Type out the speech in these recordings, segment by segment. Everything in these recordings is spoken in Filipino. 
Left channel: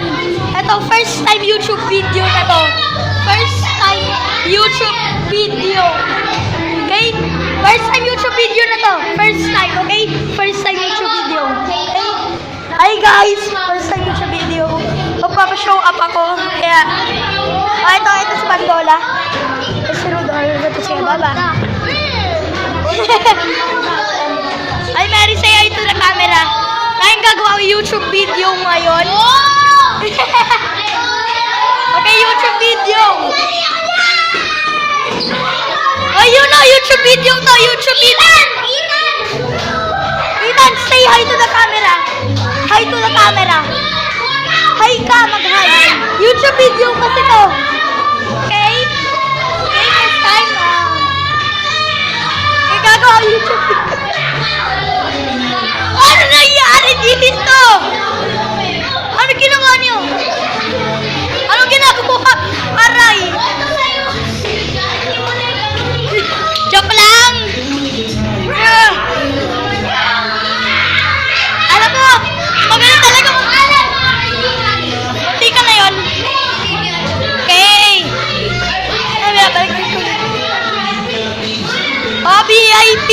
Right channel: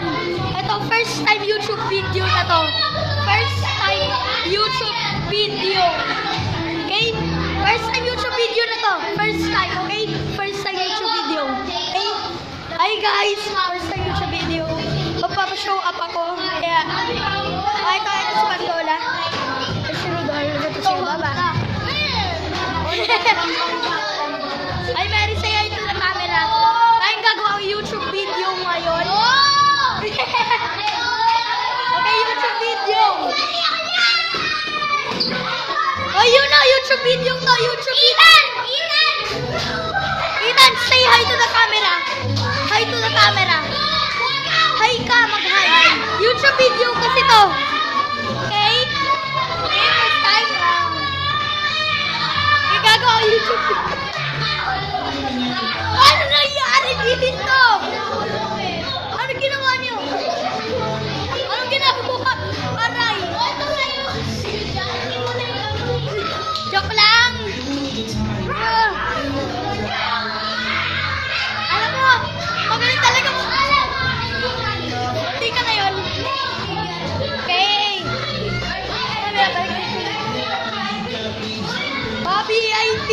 yan. Ito, first time YouTube video na to. First time YouTube video. Okay? First time YouTube video na to. First time, okay? First time YouTube video. Okay? Hi guys! First time YouTube video. Magpapashow up ako. Kaya, ito si Pandola. Ito si Rodolfo. Ito si Baba. Ay, Mary, say hi to the camera. Kayang gagawa ang YouTube video ngayon. Okay, YouTube video. Oh, you know, YouTube video to. YouTube video. Ethan, say hi to the camera. Hi to the camera. Hi ka, mag-hi. YouTube video kasi to. Okay? Okay, first time. Gagawa ang YouTube video. Ano nangyari dito? Ano ginawa niyo? Anong ginagawa? Aray! Joke lang! Alam mo, magaling talaga mo. Hindi ka na yun. Okay. Ay, may balik ko. VIP!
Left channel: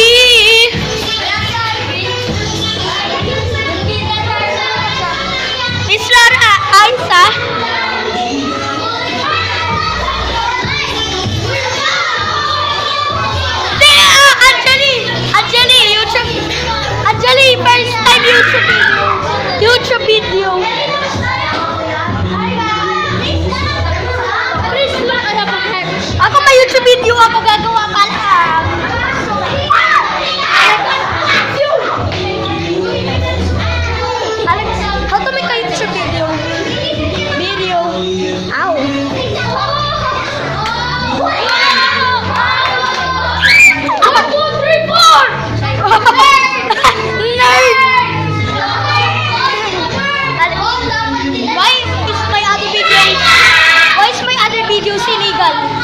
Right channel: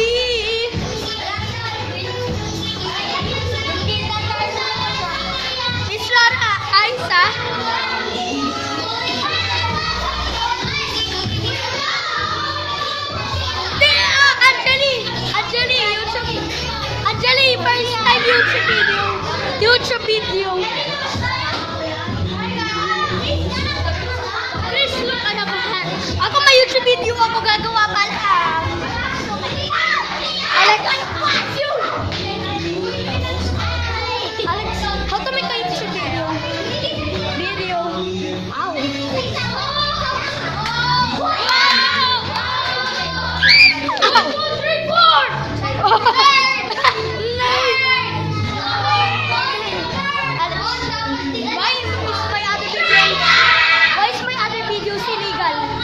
Miss Laura, Aisa? Anjali, YouTube. Anjali, first time YouTube video. Ako may YouTube video ako gagawa pa lang. Alex, how to make a YouTube video? Ow. Nerd! Why is my other videos illegal?